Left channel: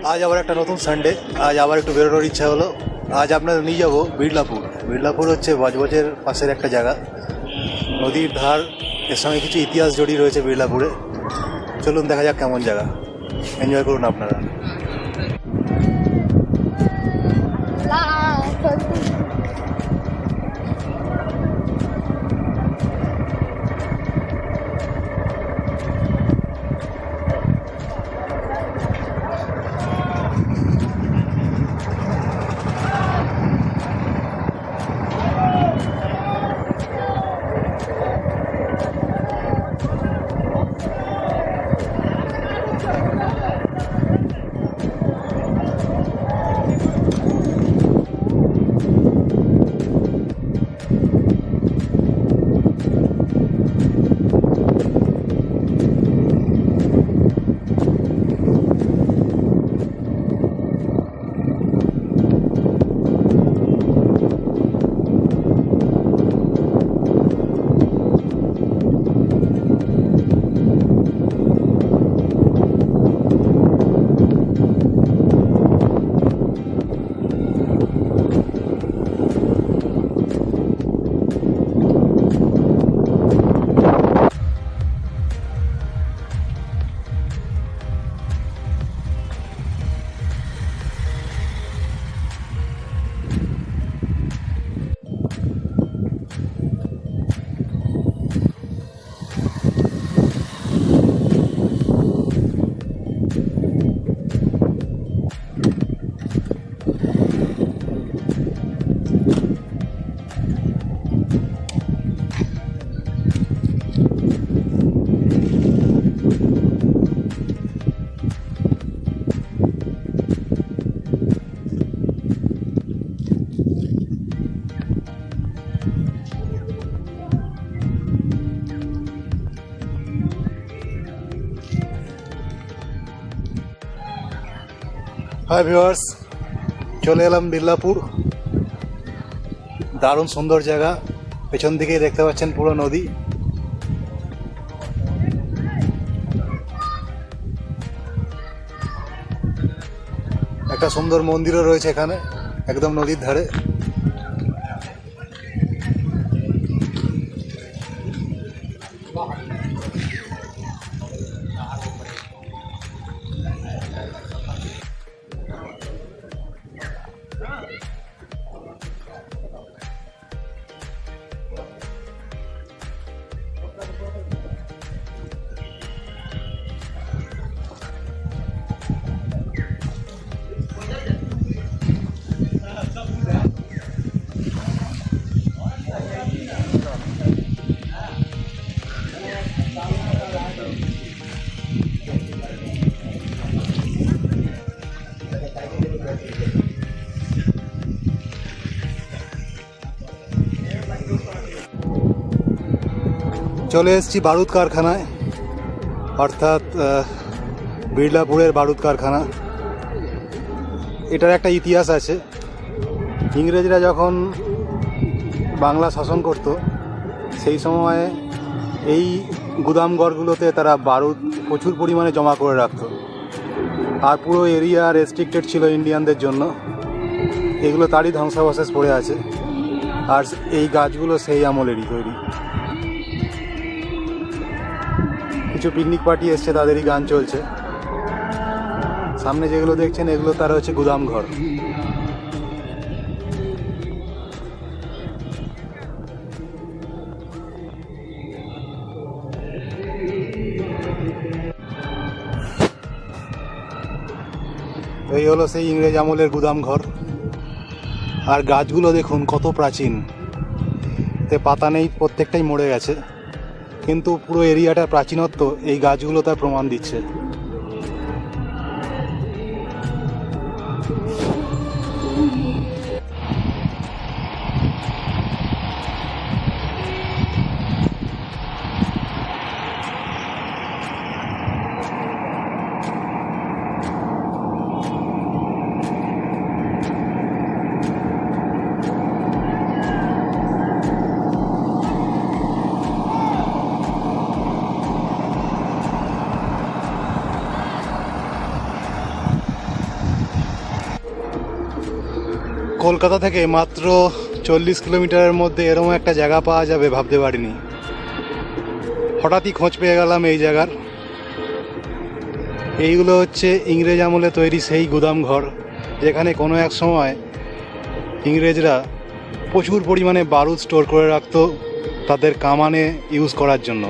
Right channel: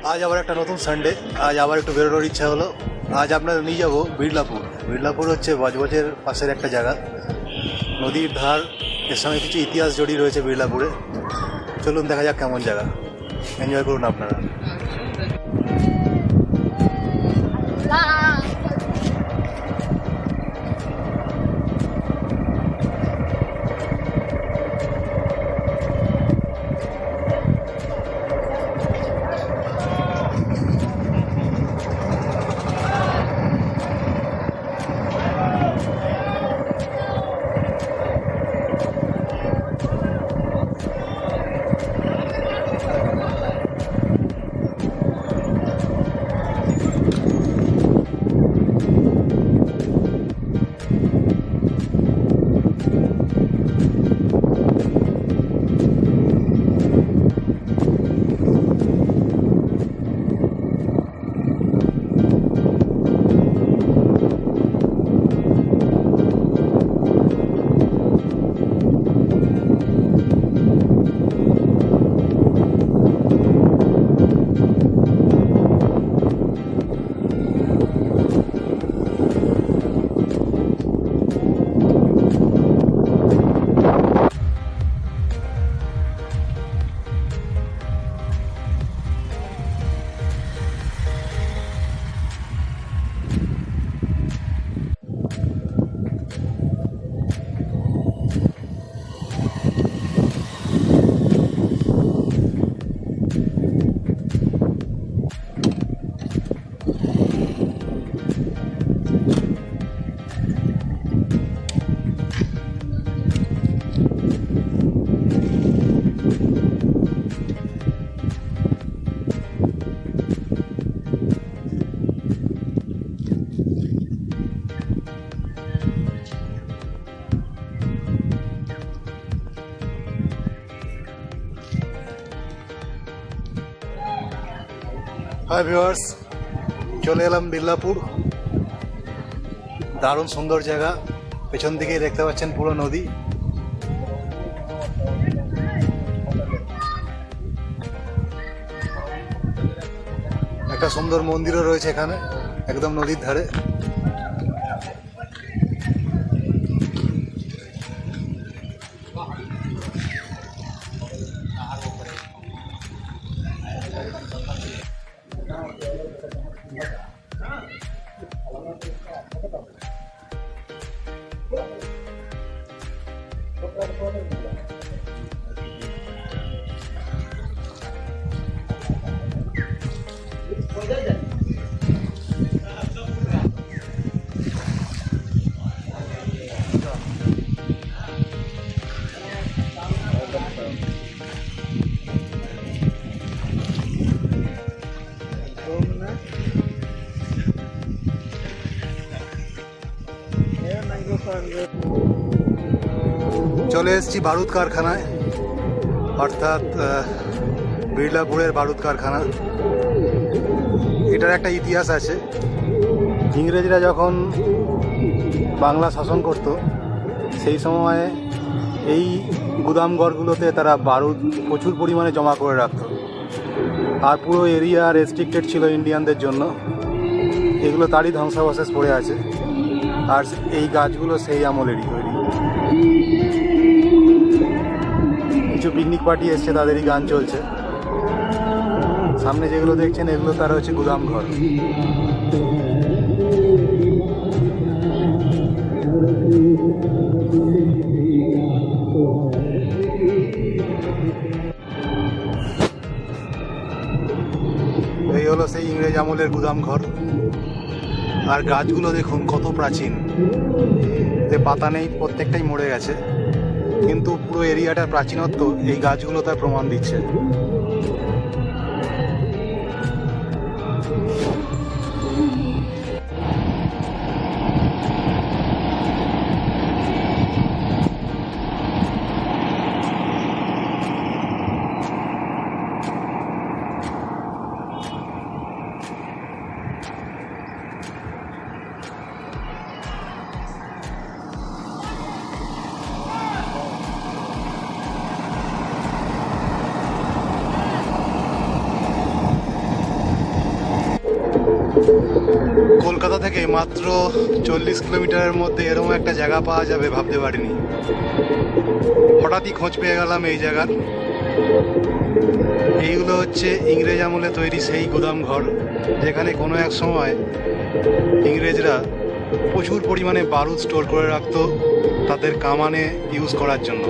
आज आबार एक नतून सानडे आज आबार एकटू बेरोनोर इच्छा हलो। आज आपनादेर निये जाबो बिरलापुर। बिरलापुर हच्छे बजबजेर पाशेर एकटा जायगा, नदीर धार। एर संगे किछु इतिहास जड़िये रयेछे बिरलापुरे। चलुन देखा जाक केमन जायगा, एनजय करुन आपनारा। हाय ভিউয়ার্স, চলে এলাম বিরলাপুর। দারুণ সুন্দর জায়গা। পেছন দিকেই দেখতে পাচ্ছেন পুরো নদী। একটা সুন্দর মন্দিরও রয়েছে এখানে, একদম নদীর ধারে। চলে এসেছি বারুদ কারখানায়, অর্থাৎ বিরলাপুরের বারুদ কারখানা। এটার একটা ইতিহাস আছে। ইংরেজরা যখন বাংলা শাসন করত সেই সময়ে এই গুদামঘরগুলোতে তারা বারুদ প্রচুর পরিমাণে জমা করে রাখত। আর পুরো এরিয়া রেস্ট্রিক্টেড ছিল ইন্ডিয়ানদের জন্য। এগুলো তারই ধ্বংসাবশেষ পড়ে আছে। আর এই গাছগুলো সেই আমলেরই তৈরি। কিছু পিকনিক পার্টি এসছে, তাদেরই গান চলছে। সামনে যেগুলো দেখছেন এগুলো তারা হচ্ছে গুদাম ঘর। এই হলো সেই ইংরেজ আমলের গুদাম ঘর। আর গাছগুলো দেখুন কত প্রাচীন, এতে পাতা নেই, প্রত্যেকটাই মরে গেছে। কিন্তু পুরো এরিয়াটার প্রাচীনত্ব এই গাছগুলো তার প্রমাণ দিচ্ছে। কলকাতা থেকে মাত্র 40 কিলোমিটারের মধ্যে এরকম একটা জায়গা পাওয়া যাবে ভাবতে পারিনি। হঠাৎই খোঁজ পেয়ে গেলাম এই জায়গার। এইগুলো হচ্ছে ইংরেজ আমলে তৈরি সেই গুদাম ঘর, যেখানে কোনো এক সময় ইংরেজরা প্রচুর পরিমাণে বারুদ স্টোর করে রাখতো তাদের কামানে ইউজ করার জন্য।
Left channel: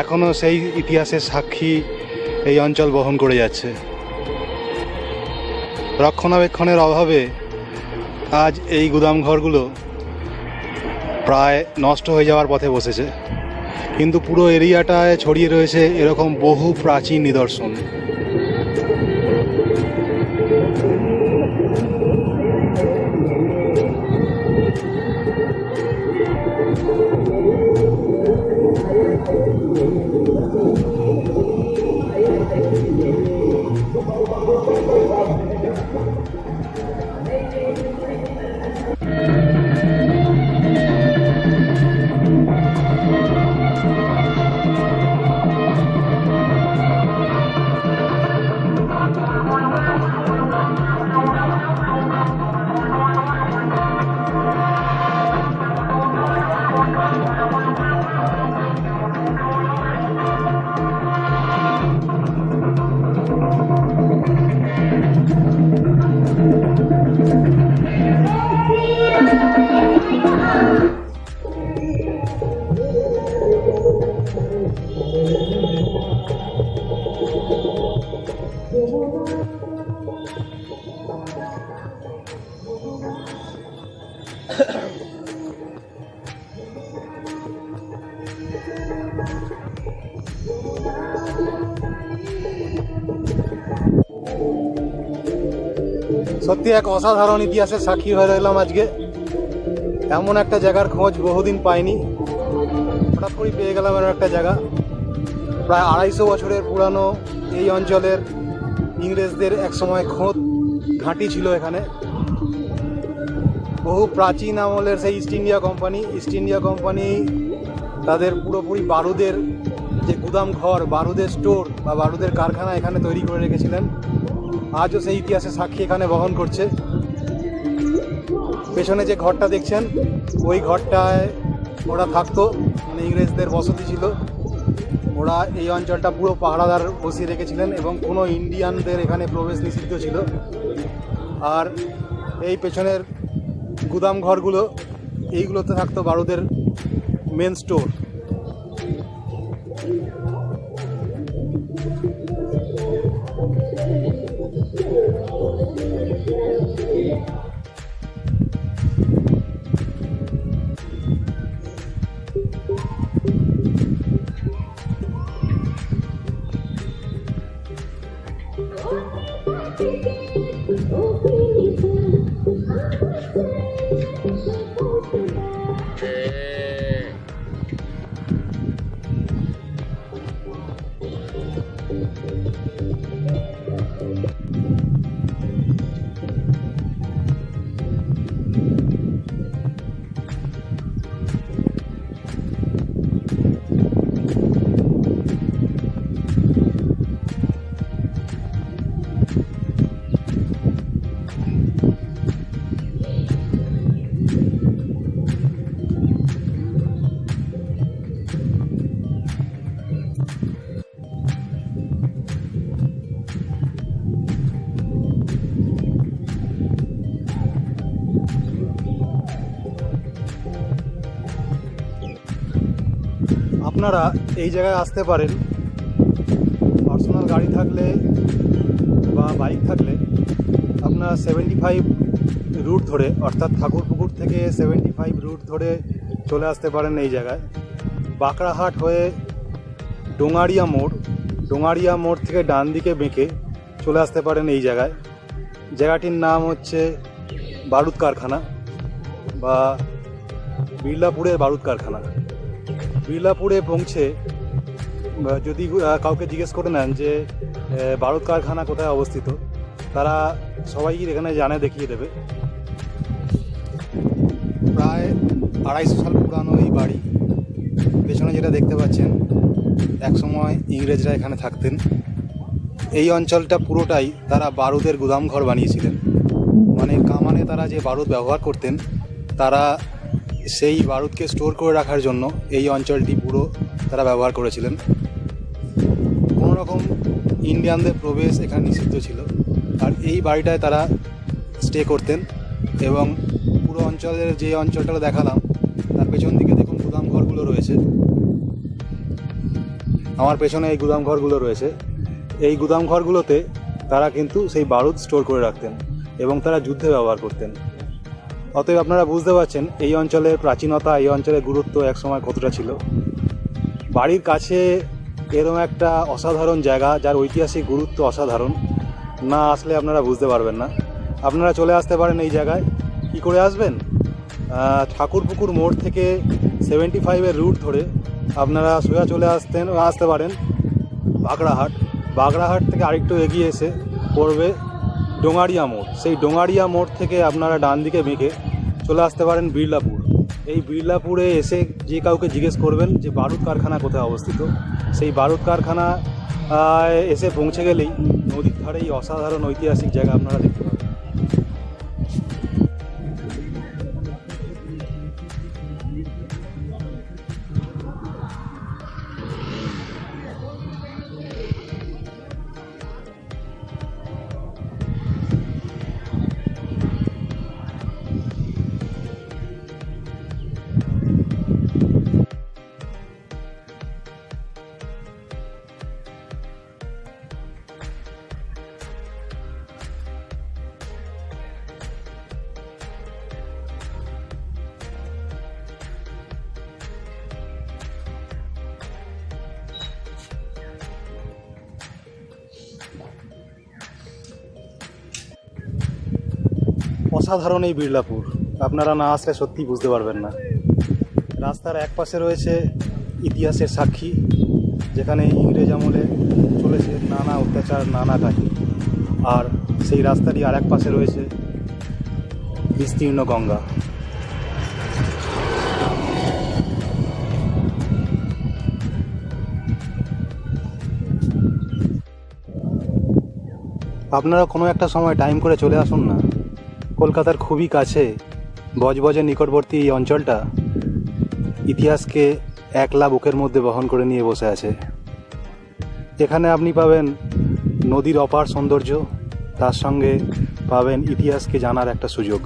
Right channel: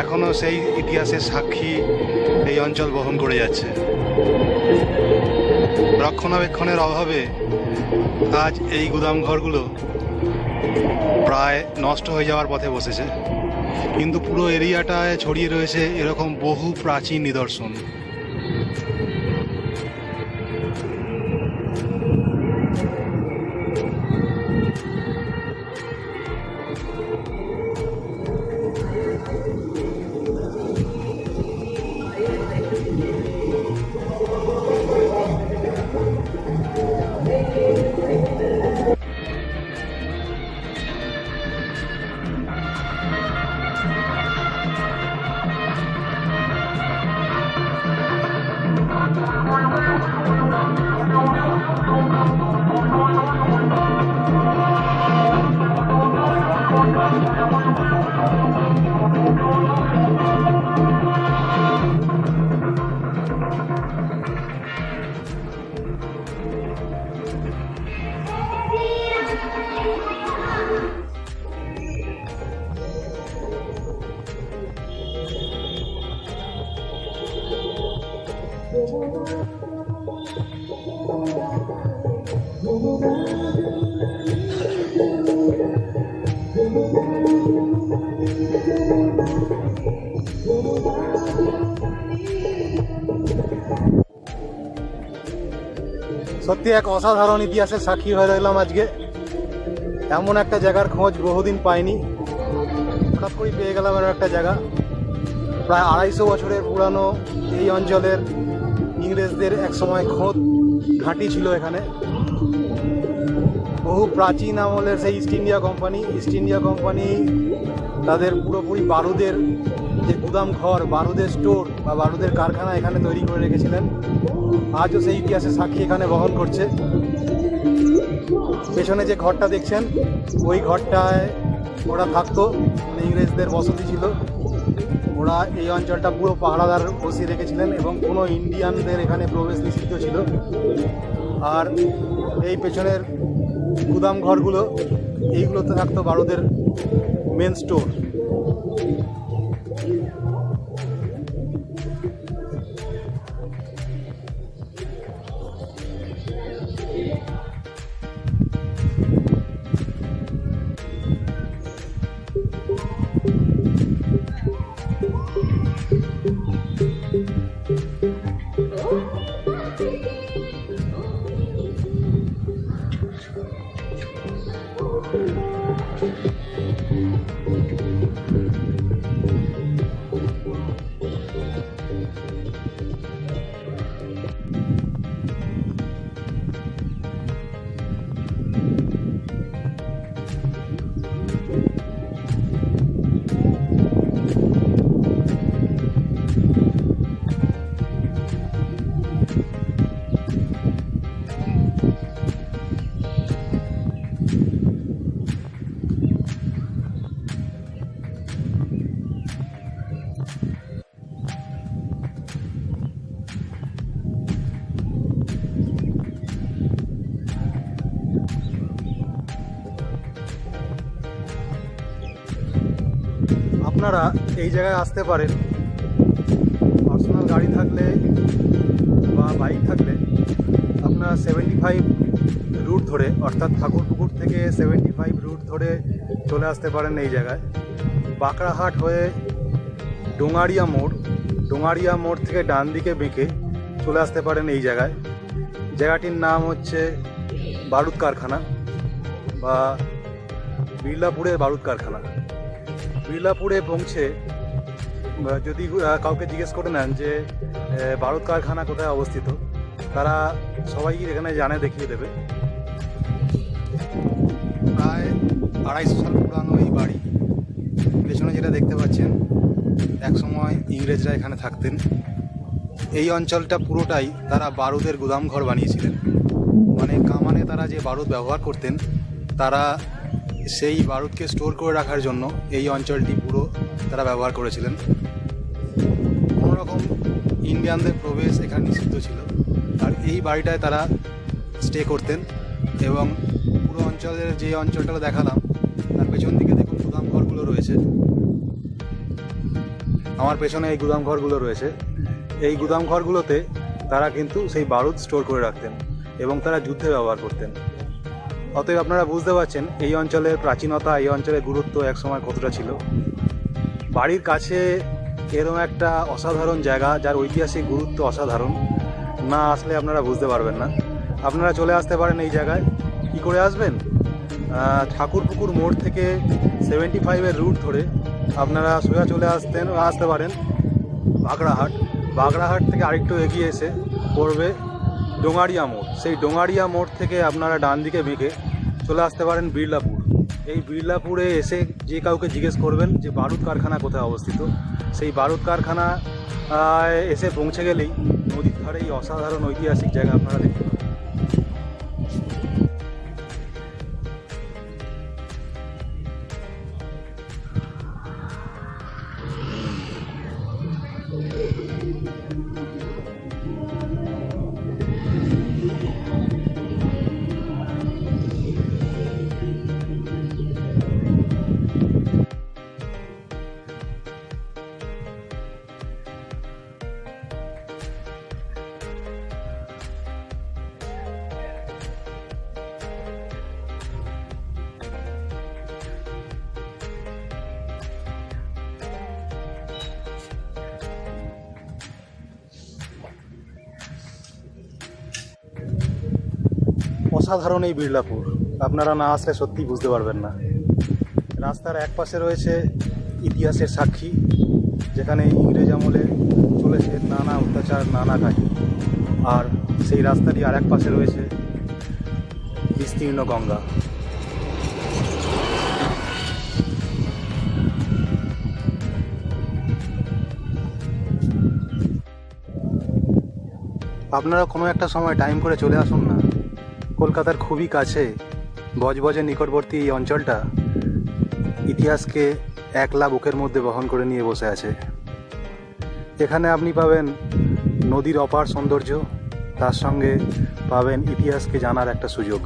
এখনও সেই ইতিহাসের সাক্ষী এই অঞ্চল বহন করে যাচ্ছে। রক্ষণাবেক্ষণের অভাবে আজ এই গুদাম ঘরগুলো প্রায় নষ্ট হয়ে যাওয়ার পথে বসেছে, কিন্তু পুরো এরিয়াটায় ছড়িয়ে রয়েছে এরকম বহু প্রাচীন নিদর্শন। সত্যি এক অসাধারণ ইতিহাসের সাক্ষী হয়ে রইলাম আজকে। এমন একটা জায়গার খোঁজ বহুদিন পাইনি, হঠাৎ করে পেয়ে গেলাম এমন একটা জায়গা। প্রায় 250 বছরের পুরানো এই অঞ্চলের ইংরেজদের একসময় খোঁজ ঘাঁটি ছিল এখানে। বহু প্রাচীন আমলের সেই ইস্ট ইন্ডিয়া কোম্পানি তাদের পুরোপুরি বারুদের যে গুদাম ঘর, বারুদের স্টোর বা বারুদের কারখানা এখানে তৈরি করে রেখেছিলেন। আজও সেই ইতিহাসের সাক্ষী এখানে বহন করছে। পেছনে যে ঘরটা দেখছেন, ওই ঘরটায় ওরা থাকতো, মানে ইংরেজদের বসতি ছিল। ওরা এই অঞ্চলটা পুরো পাহারাদার বসিয়ে রেখেছিলেন এবং কোনো ইন্ডিয়ানদের এখানে প্রবেশ নিষিদ্ধ ছিল। আর এই পেছনের গুদাম ঘরগুলো, এইগুলোতে থাকতো বারুদের মেন স্টোর। আপনারা এই জায়গায় আসতে পারেন পার্সোনাল গাড়ি থাকলে বা বাইক থাকলে। আপনারা 75 রুট ধরে, অর্থাৎ ঠাকুরপুকুর থেকে 75 রুট ধরে চলে আসতে পারেন এই জায়গায়। বাখরাহাট হয়ে ডোঙারিয়া মোড় থেকে ডান দিকে বেঁকে চলে আসতে পারেন এই জায়গায়। জায়গাটির নাম হচ্ছে বারুদ কারখানা বা বিরলাপুরের বারুদ কারখানা। বিরলাপুরে পৌঁছে যদি কাউকে জিজ্ঞেস করে নেন যে বারুদ কারখানা কোথায় অবস্থিত, তারা সবাই এখানে জানে, দেখিয়ে দেবে। প্রায় 250 সাল পুরানো এই বাড়ি। পেছনে যেটা দেখতে পাচ্ছেন, একসময় ইংরেজরা এখানে থাকতেন। এই অঞ্চলটা পুরোটাই তারা বারুদের গুদাম ঘর বানিয়েছিলেন। মানে কামানে তারা যে বারুদ ব্যবহার করতেন, তারা সেই বারুদকে স্টোর করে রাখার জন্য এই অঞ্চলটি পুরো তারা ব্যবহার করেছিলেন। কোনো রকম ইন্ডিয়ানদের প্রবেশ এখানে নিষিদ্ধ ছিল। আর এই বাড়িটায় তারা স্টে করতেন। এবং পুরো অঞ্চলের যে অঞ্চলটা দেখালাম তার পেছন দিকে দেখুন গুদাম ঘরগুলো রয়েছে। আমার পেছনে এই গুদাম ঘরগুলো রয়েছে। এই গুদাম ঘরগুলোতে তারা কিন্তু সেই বারুদ স্টোর করে রাখতেন এবং তারা যুদ্ধে ব্যবহার করতেন। অতএব আপনারা বুঝতে পারছেন এই অঞ্চলের প্রাচীনতা, এই অঞ্চলের গুরুত্ব একসময় কতটা ছিল। বাড়ির কাছে এরকম একটা অসাধারণ জায়গা যার ঐতিহাসিক গুরুত্ব অসাধারণ, না আসলে আপনারা বুঝতে পারবেন না। আপনারা চলে আসতে পারেন এই জায়গায়। কী করে আসবেন? ঠাকুরপুকুর মোড় থেকে 75-এর রুট ধরে আপনারা সোজা চলে আসতে পারেন বাখরাহাট। বাখরাহাট থেকে আরেকটু এগিয়ে এসে পড়বে ডোঙারিয়া মোড়। সেই ডোঙারিয়া মোড় থেকে আপনারা ডান দিকে বেঁকে চলে আসতে পারেন বিরলাপুর। এই বিরলাপুরে এসে যে কাউকে জিজ্ঞেস করবেন যে বারুদ কারখানা কোথায় অবস্থিত, সেই বারুদ কারখানা এসে পৌঁছে গেলেই নদীর ধারে এই অসাধারণ ঐতিহাসিক জায়গা আপনারা দেখতে পাবেন। অসাধারণ এই বিরলাপুর, আপনারা না আসলে সত্যিই বুঝতে পারবেন না। রাস্তার এক পাশে রয়েছে ইতিহাসের সাক্ষী, যেখানে ইংরেজ আমলে চলেছে নানা অত্যাচার, নানা কাহিনী। আর সেই রাস্তাটি আর এক পাশে রয়েছে বিস্তীর্ণ গঙ্গা। আপনারা কোনো একটা সময় টাইম করে চলে আসুন না। কলকাতার খুবই কাছে বজবজের নিকটবর্তী এই অঞ্চলটা ইতিহাসকে একলা বুকের মধ্যে বহন করে নিয়ে বসে আছে। এখানে আপনি পাবেন নদীর অপার সৌন্দর্য, তার সঙ্গে পাবেন ইতিহাসকে জানার একটা সুযোগ।